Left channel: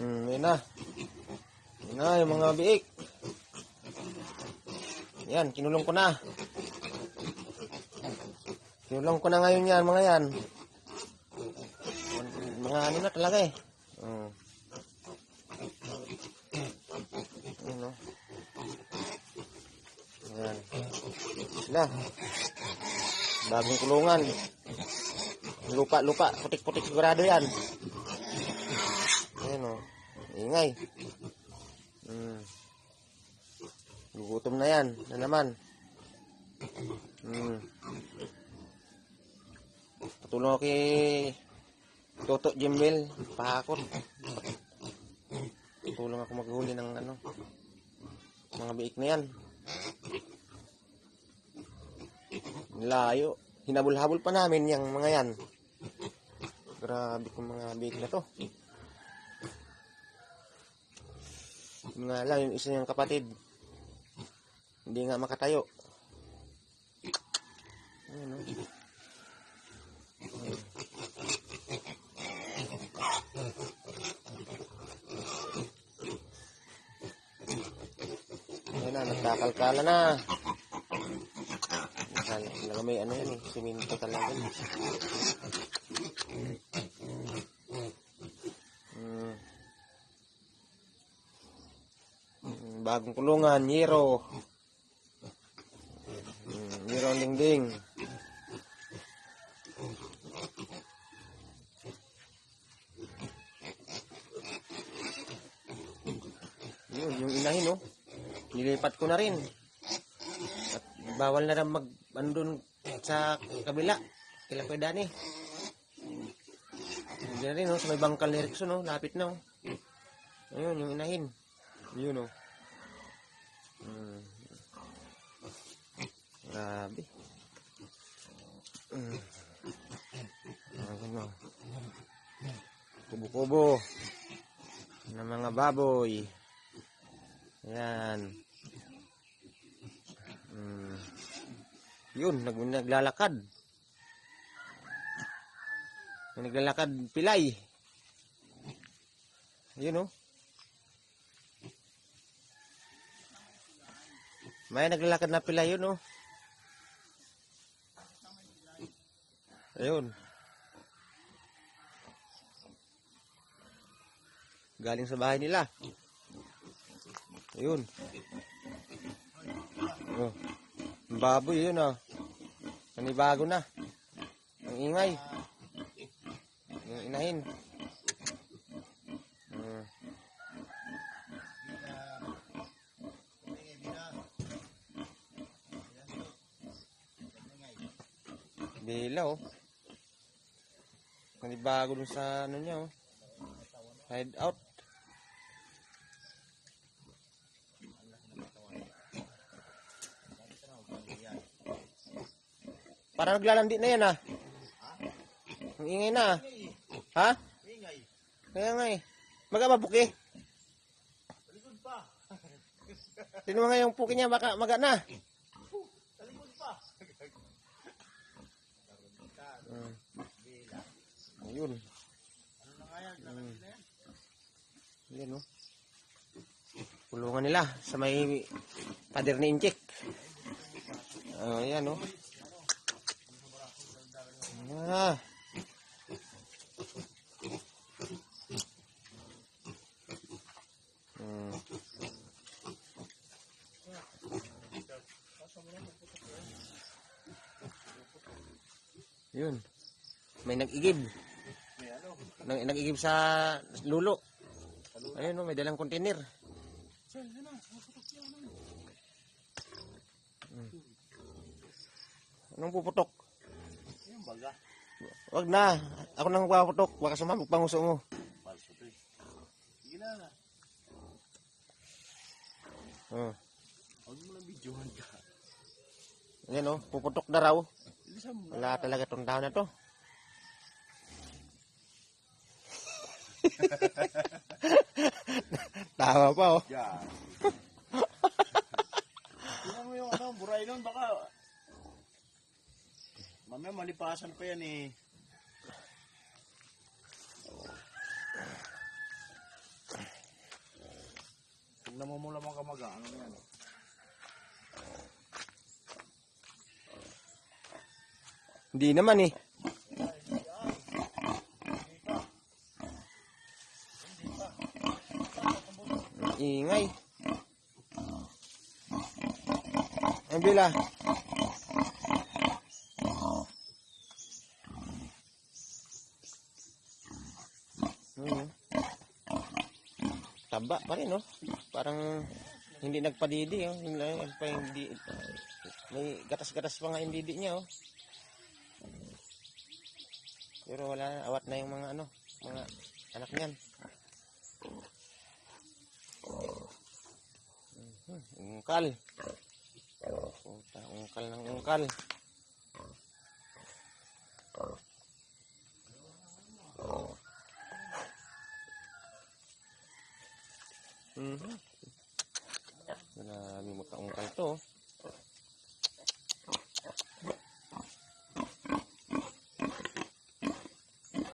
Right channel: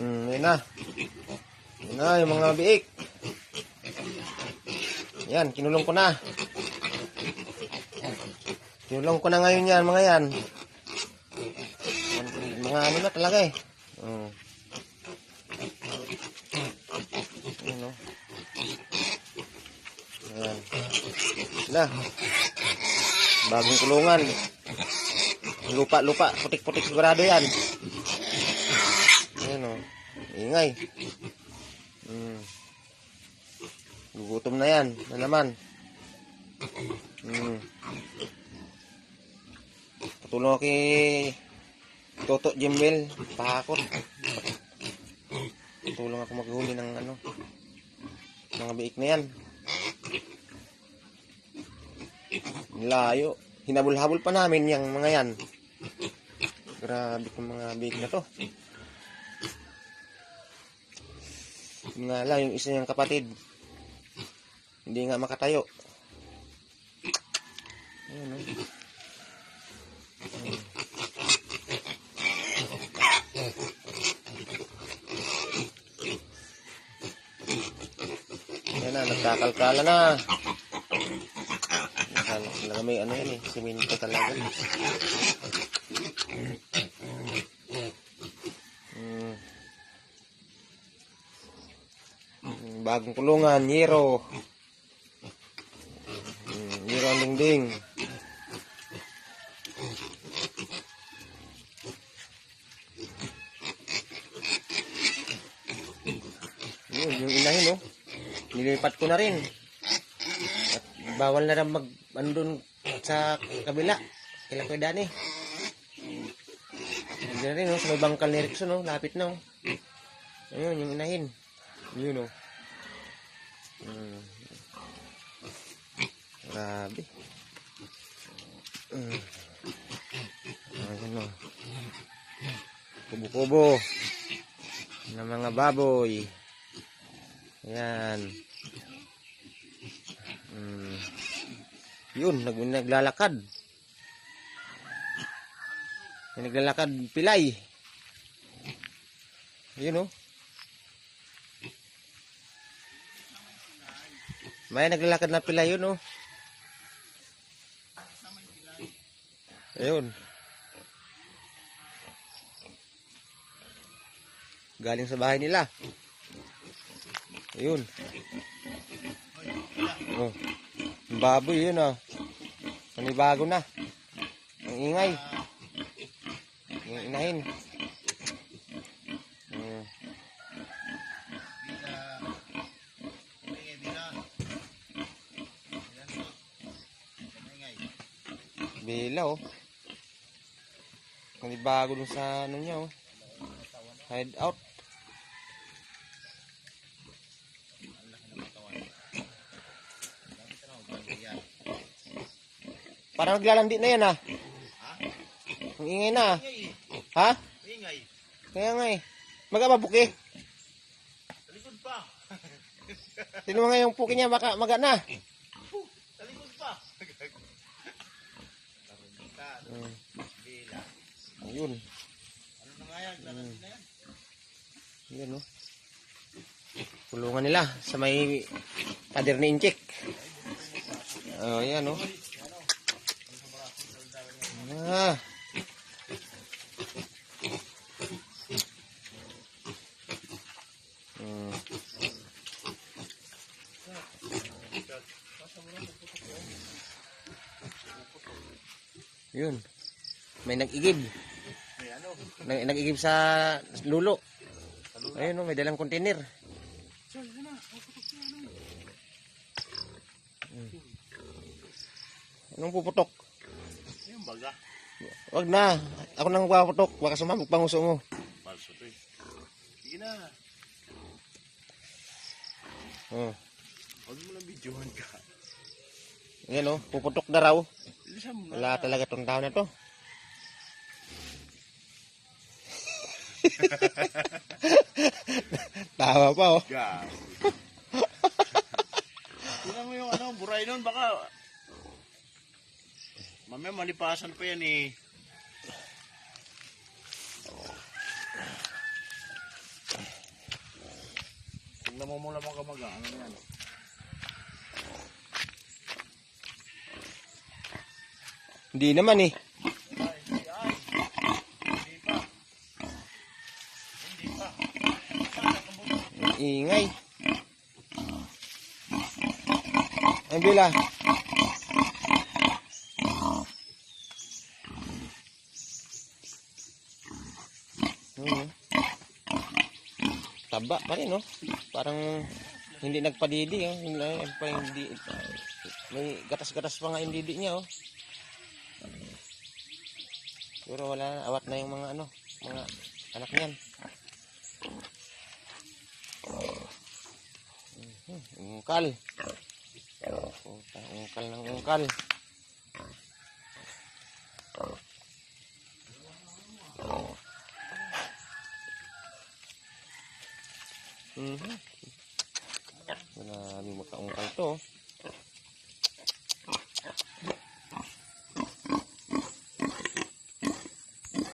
Hmm, yun na. Yun na, yung mga biik. Yan, kinulong ko na. Kinulong ko na ngayon yan, mga yan. Mga ano na talaga eh. Hmm. Ano? Ayan. Sila. Bagong kulungan. Lupa, lupa. Putik-putik sigurado yan. Ingay. Hmm. Gugutom na yan. Na naman. Hmm. Patulong kay Toto Jimel. Pahakot. Tulong ako maghuli ng ano. Mga biik na yan. Layo. Hinabol-habol pa namin yung mga yan. Grabe kong mga biik na to. Nga lang, yung isa niyang kapatid. Hindi nga makatayo. Ayun, oh. Yan na, nagkakalkala na. Talaga may ano yan eh, siminto talaga. Hmm. Hmm, Bagong kulungan, Yero. Yero ang dingding. Yun, yung inahin, no? Nilipat ko na rin. At bawal na rin mag, ano dun sa kabila. Kila ko Dani. Diyan rin, no? Sa may bangkal ni Rickson, no? Lapit na, oh. Ayun, yung inahin. Yun, no? Hmm. Grabe. Hmm. Ayun, no? Kubo-kubo. ng mga baboy. Yan. Mm. Yun, nag naglalakad. Naglalakad pilay. Yun oh. May naglalakad na pilay yun oh. Ayun. Galing sa bahay nila. Yun. Oh. Baboy yun ah. Panibago na. Ang ingay. Ang inahin. Bila oh. Panibago dun sa ano niya oh. Hide out. Parang naglalandi na yan ah. Ang ingay na ah. Ha? Ingay. Kaya nga eh. Maga-mabuki. Talikod pa. Sino nga yung puki niya maka, maga na. Talikod pa. Mm. Bila. Ayun. Ano na nga yan? Garanti na yan. Yun oh. Kulungan nila sa may pader ni Inchik. Oh, yan oh. Ah. Hmm. Yun. May nag-igib. Nag-igib sa lulo. Ayun oh, may dalang container. Hmm. Anong puputok? Yung baga. Wag na. Ako nang puputok. Baka sumamog panguso mo. Palso to eh. Sige na. Oh. Huwag mo lang videohan ka. Yan oh, puputok na raw. Wala talaga tong tao na to. Tama pa oh. Gas. Tingnan mo yung ano, buray nun baka. Mamaya malipasan pa yan eh. Tingnan mo muna mga kamag-ano na yan. Hindi naman eh. Ingay. Ang bila. Hmm. Taba pa rin, no? Parang hindi nagpadidi, oh. Hindi, nagpa, hindi, may gatas-gatas pa nga yung didi niya, oh. Pero wala na, awat na yung mga ano, mga anak niyan. Mhm, Ungkal. Puta, ungkal ng ungkal. Mhm.